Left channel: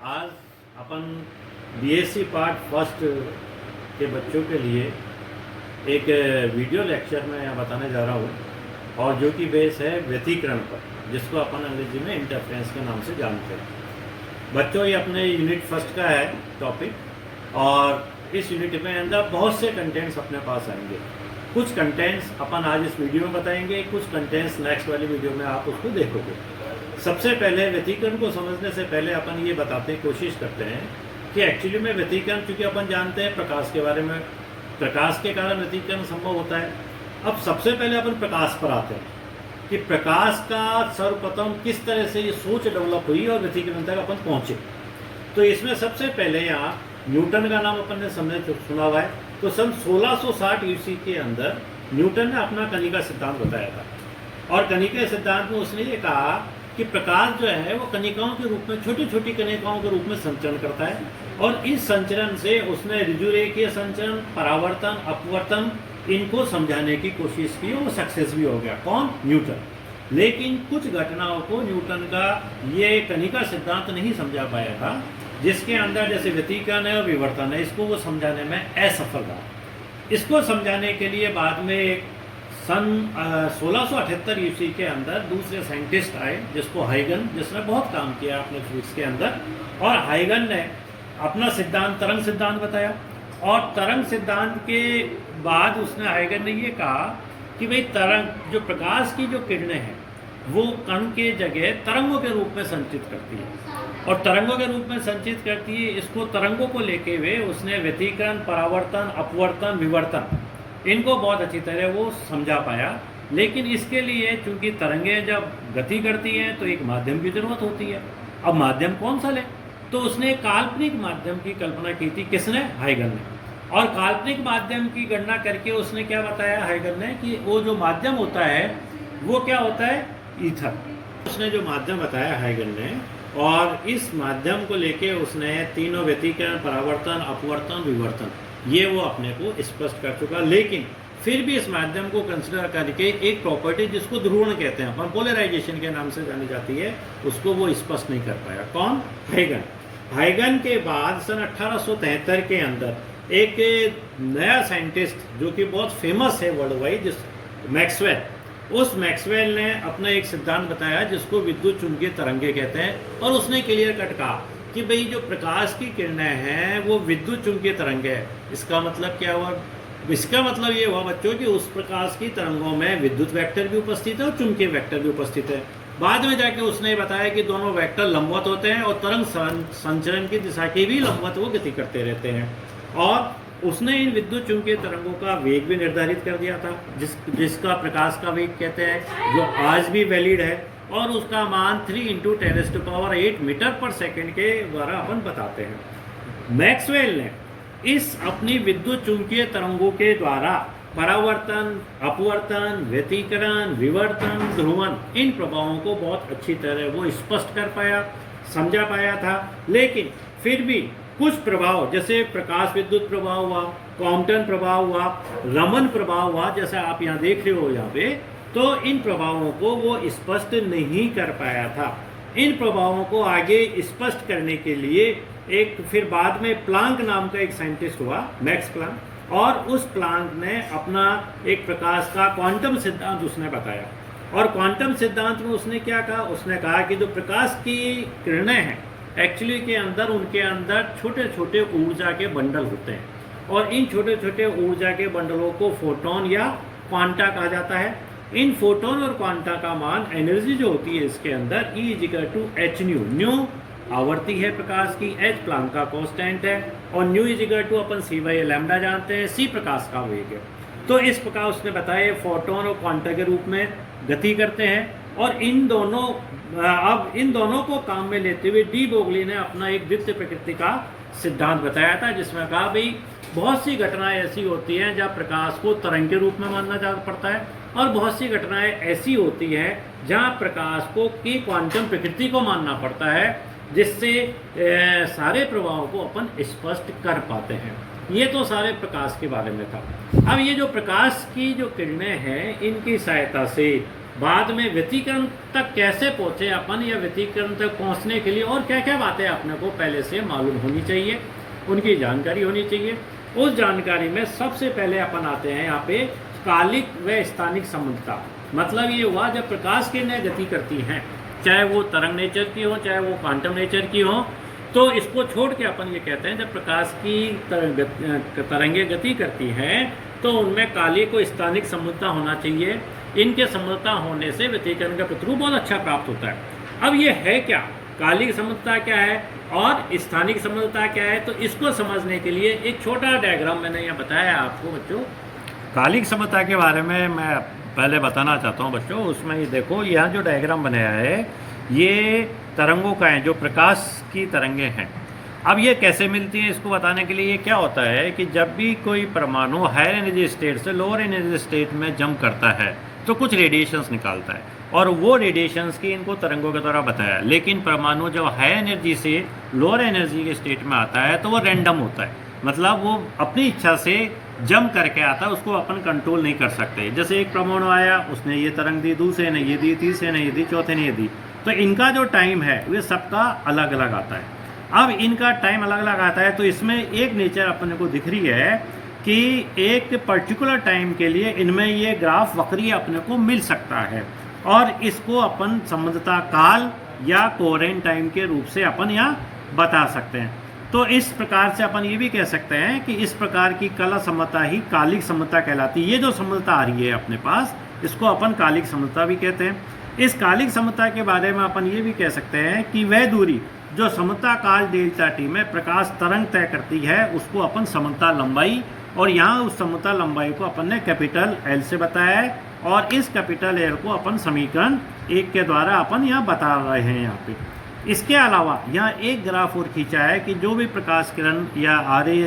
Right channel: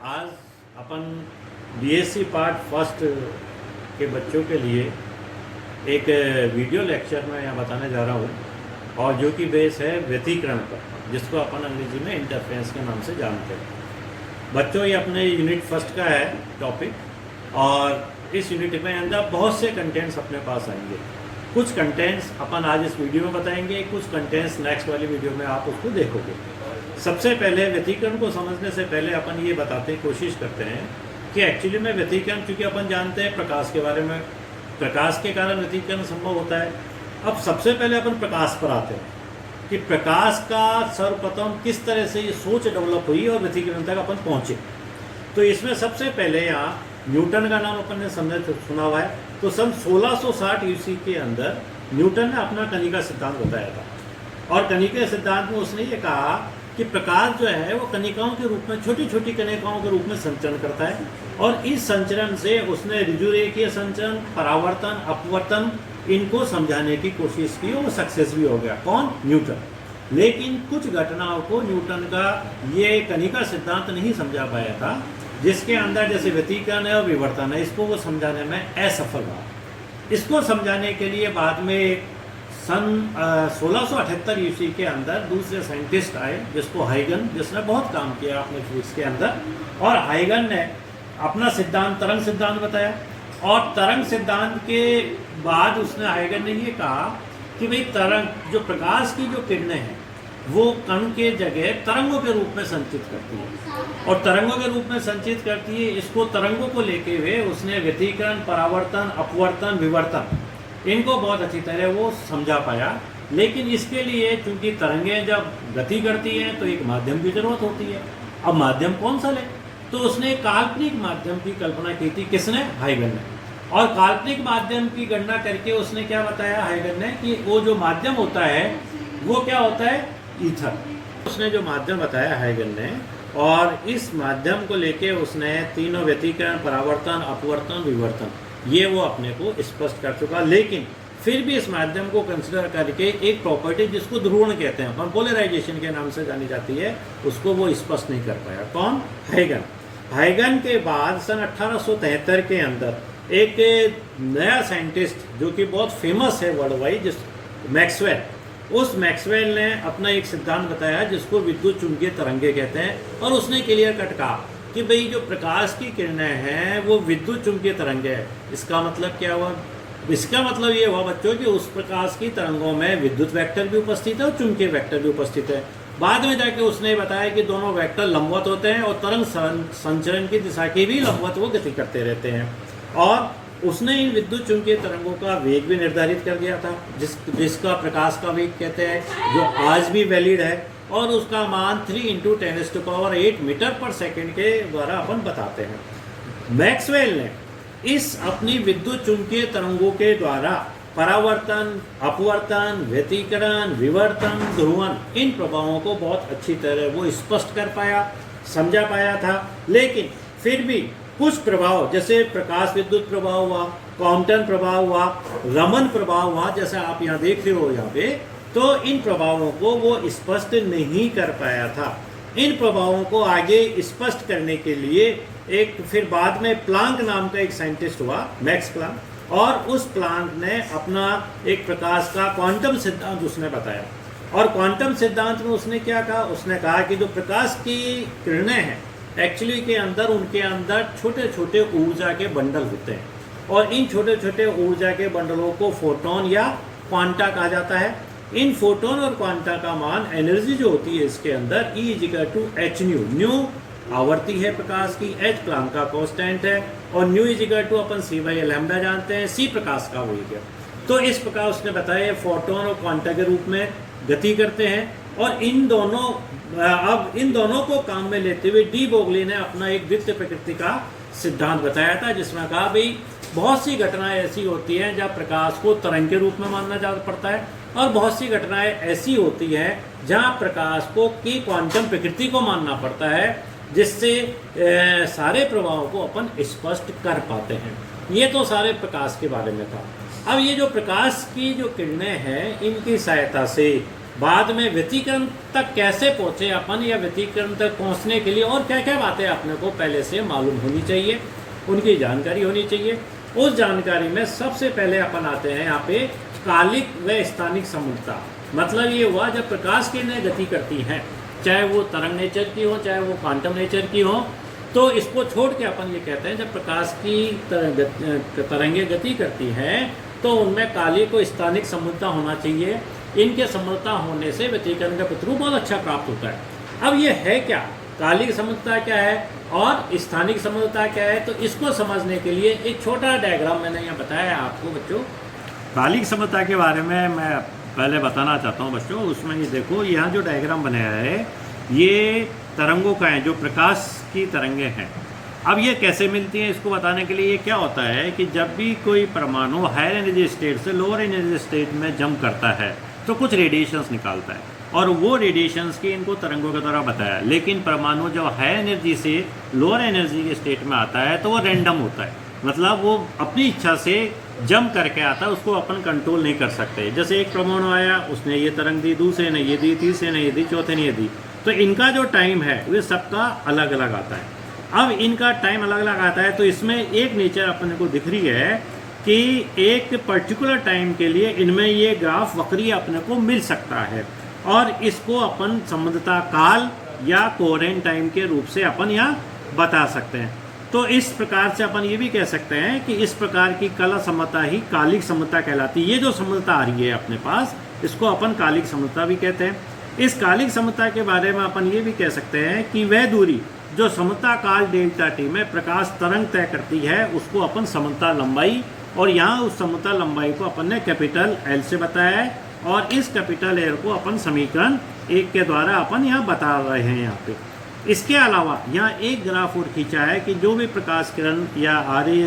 आज अपन BSc part first के बच्चों के लिए एक वीडियो लेक्चर में यहाँ बताने जा रहा हूँ और जो कि बेस है व्यतिकरण पर, जिसको अपन अंग्रेजी में इंटरफेरेंस के नाम से जानते हैं। बच्चों, ये अपने यूनिट फर्स्ट का है टॉपिक और इस यूनिट में अंदर बहुत से कंटेंट्स अपने पास आएंगे। कुछ कंटेंट्स अपन आज इस वीडियो में बताएंगे, कुछ कंटेंट्स नेक्स्ट वाली वीडियो में आप उसको देखोगे। सबसे पहले व्यतिकरण को समझने से पहले अपन ये बताते कोशिश करते हैं कि एक्चुअली में व्यतिकरण, चूंकि अपन जानते हैं प्रकाश के बारे में, प्रकाश के कारण व्यतिकरण संभव होता है। अब सबसे पहले अपन प्रकाश पर आते हैं कि प्रकाश का सर्वप्रथम किस तरह से ये सोच डेवलप हुई और व्यतिकरण तक अपन पहुंचे। तो इसमें सबसे पहले यहाँ न्यूटन का नाम अपन ने सुना हुआ है। तो सन 1660 ईस्वी के अंदर न्यूटन ने अपना कणिका सिद्धांत बताया था और कणिका सिद्धांत में उसने ये कहा कि प्रकाश जो है वो कणिकाओं के रूप में, छोटी छोटी कणिकाओं के रूप में संचरण करता है और इस संचरण से उसने ऋजुरेखीय संचरण, परावर्तन, अपवर्तन, इनको समझाने की कोशिश की और वो सक्सेस भी हो गया। कौन? न्यूटन। लेकिन कुछ घटनाओं को न्यूटन का ये कणिका सिद्धांत नहीं समझा पाया था, जिसके अंदर जैसे व्यतिकरण है और विवर्तन है, इसको वो समझाने में असफल रहा। इसको समझाने के लिए बाद में सन 1678 ईस्वी के अंदर दूसरे साइंटिस्ट आए, जिसको हाइगन, जिसने बहुत काम किया अपने फिजिक्स के अंदर। और हाइगन ने अपना सिद्धांत, तरंग सिद्धांत बताया और तरंग सिद्धांत के बाद उसने, हाइगन ने ये कहा कि भाई तरंग, जो प्रकाश की जो किरणें हैं वो कण के जगह तरंगों के रूप में संचित करती है और तरंगों के रूप में संचित करती है। इसको तरंगों को लेके हुए उसने व्यतिकरण, परावर्तन, अपवर्तन, विवर्तन, इनको बहुत अच्छी तरह वो समझा पाया। लेकिन इसके लिए चूंकि तरंगें जब गति करती हैं तो एक माध्यम की जरूरत होती है। अब माध्यम कौन सा ले? तो उसने काल्पनिक माध्यम की कल्पना की थी। किसने? हाइगन ने। और काल्पनिक माध्यम की गणना करके उसने क्या बताया हाइगन ने कि वो जो माध्यम होता है वो क्या होता है? ईथर। उसने जो माध्यम बताया हाइगन ने, और इस माध्यम को लेके उसने तीनों व्यतिकरण, परावर्तन, अपवर्तन, विवर्तन, ये वो अपने को स्पष्ट कर चुका। लेकिन फिर भी इस माध्यम को कंसिडर करके एक प्रॉपर्टी जिसको ध्रुवण कहते हैं, पोलराइजेशन के नाम से जानी जाती है, उसको वो स्पष्ट नहीं कर पाया। कौन? हाइगन। हाइगन के बाद सन 1873 के अंदर एक नया साइंटिस्ट जो कि बहुत फेमस है वर्ल्ड वाइड, जिस मैक्सवेल, उस मैक्सवेल ने अपना एक सिद्धांत बताया जिसको विद्युत चुंबकीय तरंगे कहते हैं। और उसने क्लियर कट कहा कि भाई जो प्रकाश की किरणें हैं वो विद्युत चुंबकीय तरंगे है। इसका मतलब क्या हुआ? इसका मतलब ये हुआ बच्चों कि उस प्रकाश की तरंगों में विद्युत वेक्टर भी उपस्थित है और चुंबकीय वेक्टर भी उपस्थित है। बाद में जाके उसने बताया कि दोनों वेक्टर लंबवत होते हैं और तरंग संचरण की दिशा की भी लंबवत वो गति करते रहते हैं। और उसने इन विद्युत चुंबकीय तरंगों का वेग भी निर्धारित कर दिया था, जिसका प्रकाश का वेग कहते हैं, जो आज भी वैलिड है और उसका मान 3 × 10⁸ मीटर पर सेकेंड के द्वारा अपन बताते हैं। मैक्सवेल ने इस अपनी विद्युत चुंबकीय तरंगों के द्वारा परावर्तन, अपवर्तन, व्यतिकरण, विवर्तन, ध्रुवण, इन प्रभावों को बहुत अच्छी तरह वो स्पष्ट कर पाया, समझा पाया था। लेकिन फिर भी कुछ प्रभाव, जैसे प्रकाश विद्युत प्रभाव हुआ, क्वांटम प्रभाव हुआ, रमन प्रभाव हुआ, जैसा आप यहाँ देख रहे हो यहाँ पे, तो इन प्रभावों को वो स्पष्ट नहीं कर पाया था। इन प्रभावों को आगे स्पष्ट करने के लिए एक फिर बाद में प्लांक नाम का एक साइंटिस्ट हुआ, मैक्स प्लांक, और उस प्लांक ने अपना एक प्रकाश का क्वांटम सिद्धांत उसने बताया। और क्वांटम सिद्धांत में उसने क्या कहा? उसने कहा कि जो प्रकाश की किरणें हैं एक्चुअली के अंदर, उनके अंदर छोटे छोटे ऊर्जा के बंडल होते हैं और इन छोटे छोटे ऊर्जा के बंडलों को फोटोन या क्वांटा कहा जाता है। इन फोटोन और क्वांटा का मान, एनर्जी जो होती है इसके अंदर, E=hν। न्यू आवर्ती है प्रकाश की, h प्लांक का कांस्टेंट है और न्यू अपन c/λ जानते हैं, c प्रकाश का वेग है। तो इस प्रकार उसने बताया फोटोन और क्वांटा के रूप में गति करते हैं। और इन दोनों को काम में लेते हुए डी बोगली ने अपना एक द्वितीय प्रकृति का सिद्धांत बताया था, जिसमें कहा भाई बहुत सी घटनाएं ऐसी होती हैं जहाँ प्रकाश को तरंग के रूप में मानना जा पड़ता है और बहुत सी घटनाएं ऐसी होती हैं जहाँ प्रकाश को की क्वांटम प्रकृति को मानना पड़ता है, जिससे सारे प्रभावों को अपन स्पष्ट कर पाते हैं। ये तो सारे प्रकाश के बारे में था। अब ये जो प्रकाश की जो किरणें हैं, इनकी सहायता से बाद में व्यतिकरण तक कैसे पहुंचे अपन, या व्यतिकरण तक पहुंचने के लिए और क्या क्या बातें अपने को पहले से मालूम होनी चाहिए, उनकी जानकारी होनी चाहिए। उस जानकारी में सबसे पहले अपन आते हैं यहाँ पे कालिक व स्थानिक समुद्रता। मतलब ये हुआ जब प्रकाश किरणें गति करती हैं, चाहे वो तरंग नेचर की हो चाहे वो क्वांटम नेचर की हो, तो इसको छोड़ के अपन ये कहते हैं जब प्रकाश की तरंगें गति करती हैं तो उनमें कालिक व स्थानिक समुद्रता होना चाहिए। इनके समुद्रता होने से व्यतिकरण का प्रतिरूप बहुत अच्छा प्राप्त होता है। अब ये है क्या, कालिक समुद्रता क्या है और स्थानिक समुद्रता क्या है, तो इसको समझने के लिए एक छोटा डायग्राम मैंने यहाँ बताया आपको बच्चों। कालिक समुद्रता के बारे में मैं पहले बताना चाहता हूँ बच्चों। उसमें ये देखो, यहाँ जो डायग्राम बनाया है ये तरंगों का है, जो प्रकाश की तरंगें हैं। अब ये कैसे मिलती है, इसको बताने के लिए ये क्या होता है कि जब भी कोई परमाणु हायर एनर्जी स्टेट से लोअर एनर्जी स्टेट में जंप करता है तो कुछ रेडिएशंस निकालता है, और वो रेडिएशंस की इनको तरंगों के द्वारा बताया। लेकिन परमाणु जो हाई एनर्जी से लोअर एनर्जी के स्टेट में आता है तो वो रैंडम होता है, मतलब वो अपनी इच्छा से जंप करके आता है, उसको अपन कंट्रोल नहीं कर सकते। जैसे एक परमाणु आया, उसने ये तरंग दी, दूसरे ने ये दी, तीसरे ने ये दी, चौथे ने ये दी, तो इनका जो टाइम है ये सबका अलग अलग आता है। अब इनका टाइम अलग अलग आता है तो इसमें एक नेचर अपन को दिख रही है कि एक पर्टिकुलर टाइम के लिए इनमें ये ग्राफ वक्रीय अपने को मिल सकता है, और इसको अपन समुद्रता काल या कोहेरेंट टाइम के रूप से अपन यहाँ बता सकते हैं। तो इस प्रकार से अपन ये भी कह सकते हैं कि इस प्रकार की कला समुद्रता ही कालिक समुद्रता कहलाती है। ये जो समुद्रता आ रही है अपने पास, इसको अपन कालिक समुद्रता भी कहते हैं। इस कालिक समुद्रता के बारे में अपन ये भी कह सकते हैं कि वह दूरी जो समुद्रता काल डेल्टा टी में प्रकाश तरंग तय करती है उसको अपन समुद्रता लंबाई, और यहाँ उस समुद्रता लंबाई को अपन ने कैपिटल एल से बताया है, और इस कैपिटल एल को अपन समीकरण 1 के द्वारा अपन यहाँ बता रहे हैं यहाँ पे। इसके अलावा यहाँ एक ग्राफ और खींचा है कि जो भी प्रकाश किरण या आरे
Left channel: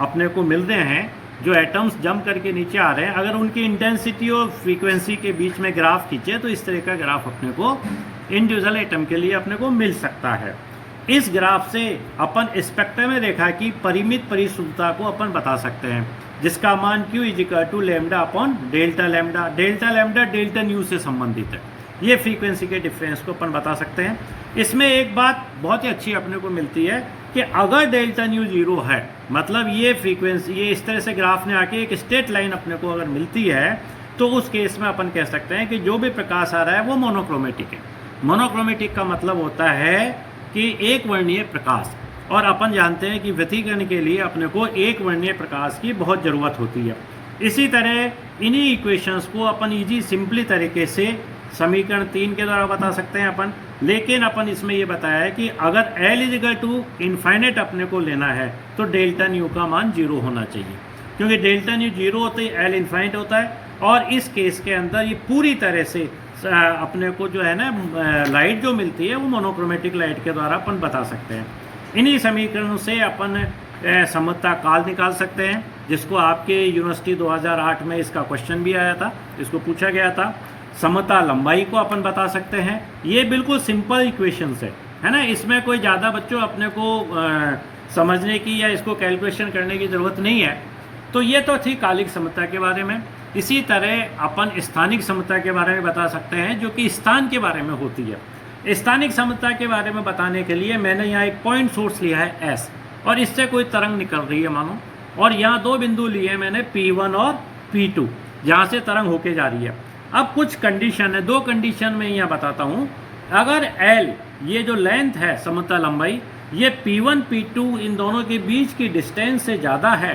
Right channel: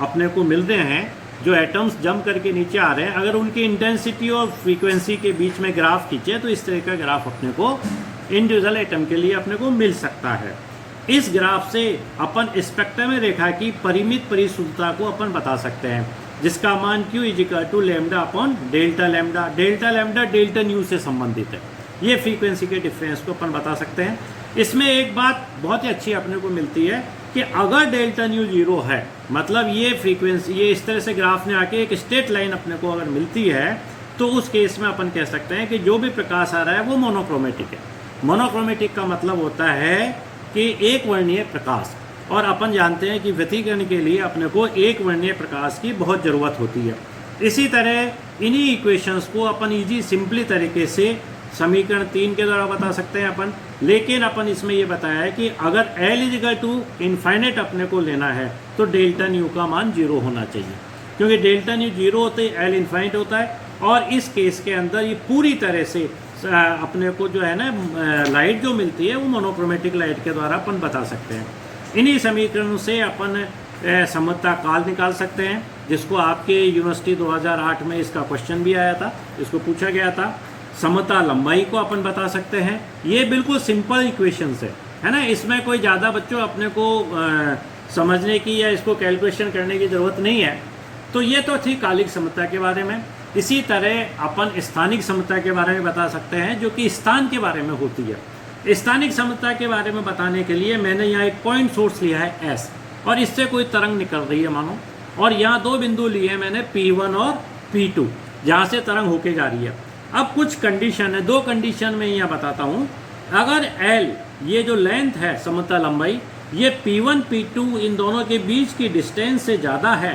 अपने को मिल रहे हैं, जो एटम्स जंप करके नीचे आ रहे हैं, अगर उनकी इंटेंसिटी और फ्रीक्वेंसी के बीच में ग्राफ खींचे तो इस तरह का ग्राफ अपने को इंडिविजुअल एटम के लिए अपने को मिल सकता है। इस ग्राफ से अपन स्पेक्ट्रम में रेखा की परिमित परिशुद्धता को अपन बता सकते हैं, जिसका मान Q = lambda upon delta lambda. Delta lambda delta nu से संबंधित है। ये फ्रीक्वेंसी के डिफरेंस को अपन बता सकते हैं। इसमें एक बात बहुत ही अच्छी अपने को मिलती है कि अगर डेल्टा न्यू 0 है, मतलब ये फ्रीक्वेंसी, ये इस तरह से ग्राफ में आके एक स्ट्रेट लाइन अपने को अगर मिलती है, तो उस केस में अपन कह सकते हैं कि जो भी प्रकाश आ रहा है वो मोनोक्रोमेटिक है। मोनोक्रोमेटिक का मतलब होता है कि एक वर्णीय प्रकाश, और अपन जानते हैं कि व्यतिकरण के लिए अपने को एक वर्णीय प्रकाश की बहुत ज़रूरत होती है। इसी तरह इन्हीं इक्वेशंस को अपन इजी सिंपली तरीके से समीकरण 3 के द्वारा बता सकते हैं अपन। लेकिन अपन इसमें ये बताया है कि अगर L इनफाइनाइट अपने को लेना है तो डेल्टा न्यू का मान 0 होना चाहिए, क्योंकि डेल्टा न्यू 0 होते ही L इनफाइनाइट होता है, और इस केस के अंदर ये पूरी तरह से अपने को जो है ना लाइट जो मिलती है वो मोनोक्रोमेटिक लाइट के द्वारा अपन बता सकते हैं। इन्हीं समीकरणों से अपन समुद्रता काल निकाल सकते हैं, जिसको आपके यूनिवर्सिटी 2008 में इसका क्वेश्चन भी आया था, इसको पूछा गया था। समुद्रता लंबाई को अपन बता सकते हैं। ये बिल्कुल सिंपल इक्वेशंस है ना, इसमें कोई ज़्यादा बच्चों अपने को समझने की या इसको कैलकुलेशन करने की ज़रूरत नहीं है। तो ये तो थी कालिक समुद्रता के बारे में। इसी तरह अपन स्थानिक समुद्रता के बारे में बता सकते हैं, जो कि स्थान के बारे में होती है। स्थानिक समुद्रता के बारे में बताने के लिए मैंने यहाँ एक पॉइंट सोर्स लिया है S, और इससे कोई तरंग निकल रही है मानो, और यहाँ 2 बिंदु लिए हैं मैंने P1 और P2, जहाँ से तरंग होके जा रही है। अब कुछ कंडीशन है, 2 कंडीशन में यहाँ बताता हूँ। अगर L ये जो लेंथ है समुद्रता लंबाई, ये P1 P2 इन दोनों के बीच की डिस्टेंस से ज़्यादा है,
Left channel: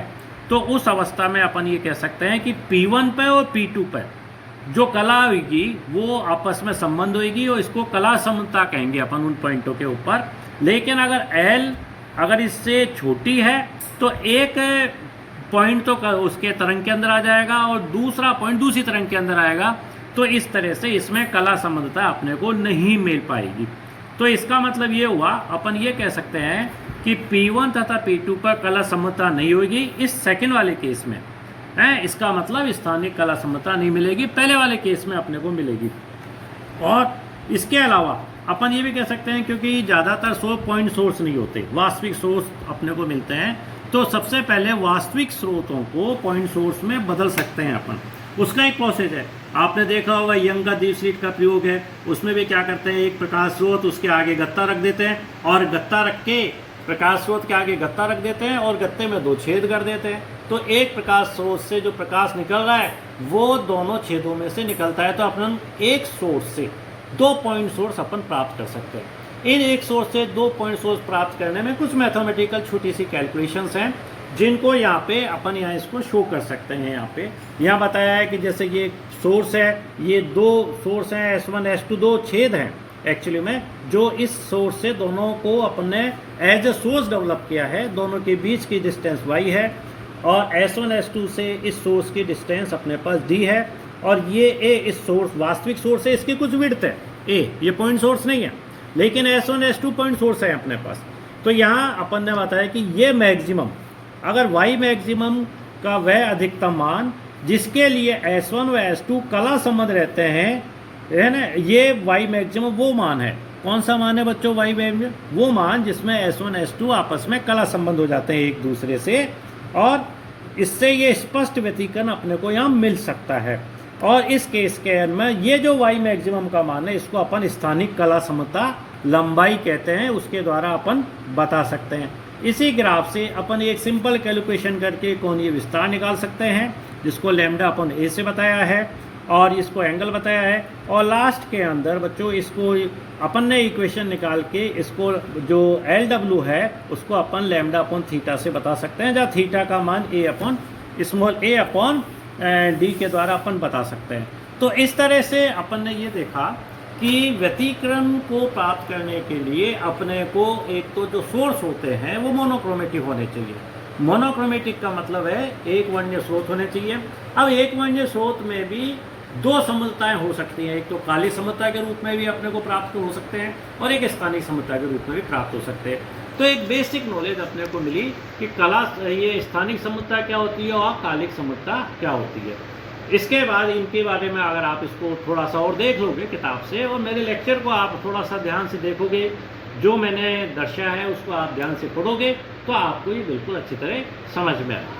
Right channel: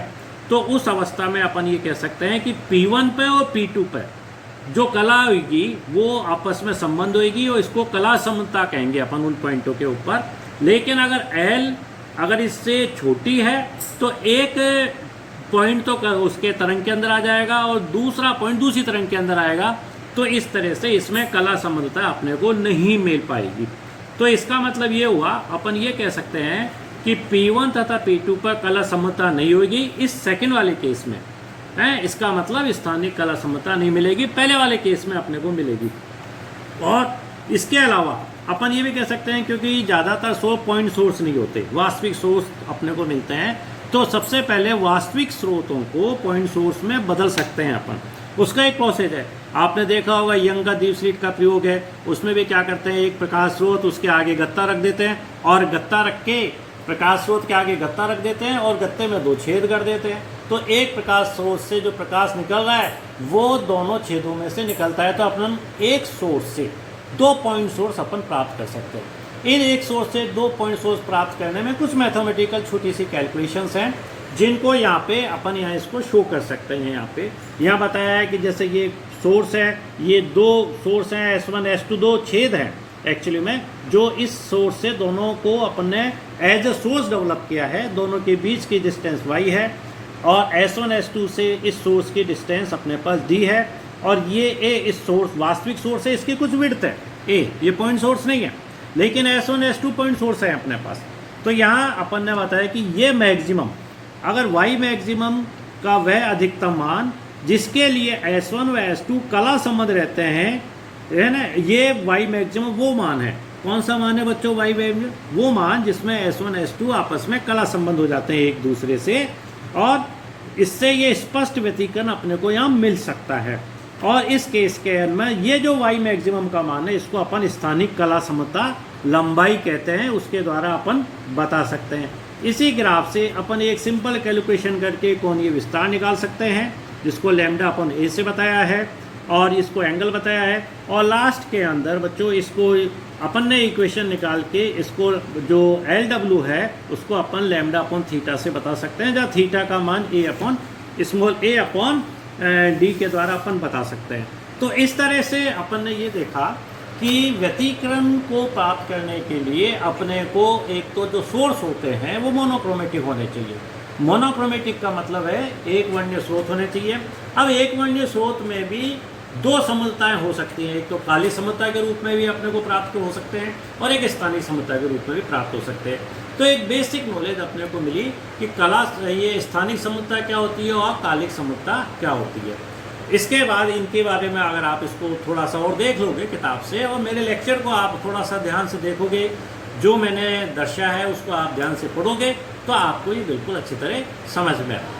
तो उस अवस्था में अपन ये कह सकते हैं कि P1 पे और P2 पे जो कला होगी वो आपस में संबंध होगी, और इसको कला समुद्रता कहेंगे अपन उन पॉइंटों के ऊपर। लेकिन अगर L अगर इससे छोटी है तो एक पॉइंट तो उसके तरंग के अंदर आ जाएगा और दूसरा पॉइंट दूसरी तरंग के अंदर आएगा, तो इस तरह से इसमें कला समुद्रता अपने को नहीं मिल पाएगी। तो इसका मतलब ये हुआ, अपन ये कह सकते हैं कि P1 तथा P2 पर कला समुद्रता नहीं होगी इस सेकंड वाले केस में है। इसका मतलब स्थानिक कला समुद्रता नहीं मिलेगी, पहले वाले केस में अपने को मिलेगी। और इसके अलावा अपन ये भी कह सकते हैं, क्योंकि ज़्यादातर पॉइंट सोर्स नहीं होते, वास्तविक सोर्स अपने को मिलते हैं, तो सबसे पहले वास्तविक स्रोतों को पॉइंट सोर्स में बदल सकते हैं अपन। उसका एक प्रोसेस है। आपने देखा होगा यंग का दीपशीट का प्रयोग है, उसमें भी क्या करते हैं, एक प्रकाश स्रोत उसके आगे गत्ता रख देते हैं और गत्ता रख के प्रकाश स्रोत के आगे गत्ता रख देते हैं और गत्ते में 2 छेद कर देते हैं। तो एक प्रकाश स्रोत से जो प्रकाश निकल रहा है वो दोनों छेदों में से निकलता है। तो अपन एक सोर्स से 2 पॉइंट सोर्स अपन प्राप्त कर सकते हैं। इन एक सोर्स से 2 पॉइंट सोर्स प्राप्त करने में कुछ मैथमेटिकल छोटी सी कैलकुलेशंस हैं जिनको यहाँ पे अपन यहाँ इसको शो कर सकते हैं। यहाँ बताया है कि जैसे ये सोर्स है, ये 2 सोर्स हैं S1 S2, 2 छेद हैं एक्चुअली में, जो इस सोर्स से दोनों को अपन ने एज ए सोर्स डेवलप किया है। दोनों के बीच की डिस्टेंस y है और S1 S2 से इस सोर्स की डिस्टेंस अपने पास d है और ये a इस सोर्स वास्तविक सोर्स है, इसकी कुछ विड्थ है a, ये पॉइंट सोर्स नहीं है लेकिन S1 S2 पॉइंट सोर्स है अपने पास। तो यहाँ अपन ने बताया कि ये मैक्सिमम, अगर y मैक्सिमम का वह अधिकतम मान जिसके लिए S1 व S2 कला संबंध रहते हैं, है ना, ये y मैक्सिमम वो मान है। कौन सा मान है बच्चों y मैक्सिमम? वो मान जिसमें S1 S2 आपस में कला संबंध हो जाते हैं एक दूसरे से और इससे ये स्पष्ट व्यतिकरण अपने को यहाँ मिल सकता है। और इस केस के में ये जो y मैक्सिमम का मान है इसको अपन स्थानिक कला समता लंबाई कहते हैं, उसके द्वारा अपन बता सकते हैं। इसी ग्राफ से अपन एक सिंपल कैलकुलेशन करके कोणीय विस्तार निकाल सकते हैं जिसको लैम्डा अपन a से बताया है और इसको एंगल बताया है। और लास्ट के अंदर बच्चों इसको अपन ने इक्वेशन निकाल के इसको जो LW है उसको अपन लैम्डा अपॉन थीटा से बता सकते हैं, जहाँ थीटा का मान a अपॉन d के द्वारा अपन बता सकते हैं। तो इस तरह से अपन ने ये देखा कि व्यतिकरण को प्राप्त करने के लिए अपने को एक तो जो सोर्स होते हैं वो मोनोक्रोमेटिक होने चाहिए। मोनोक्रोमेटिक का मतलब है एक वर्णीय स्रोत होने चाहिए। अब एक वर्णीय स्रोत में भी 2 समलताएं हो सकती हैं, एक तो काली समलता के रूप में भी अपने को प्राप्त हो सकते हैं और एक स्थानिक समलता के रूप में भी प्राप्त हो सकते हैं। तो एक बेसिक नॉलेज अपने को मिली कि ये स्थानिक समलता क्या होती है और कालिक समलता क्या होती है। इसके बाद इनके बारे में अगर आप इसको थोड़ा सा और देख लोगे किताब से और मेरे लेक्चर को आप थोड़ा सा ध्यान से देखोगे, जो मैंने दर्शाया है उसको आप ध्यान से पढ़ोगे तो आपको ये बिल्कुल अच्छी तरह समझ में आए।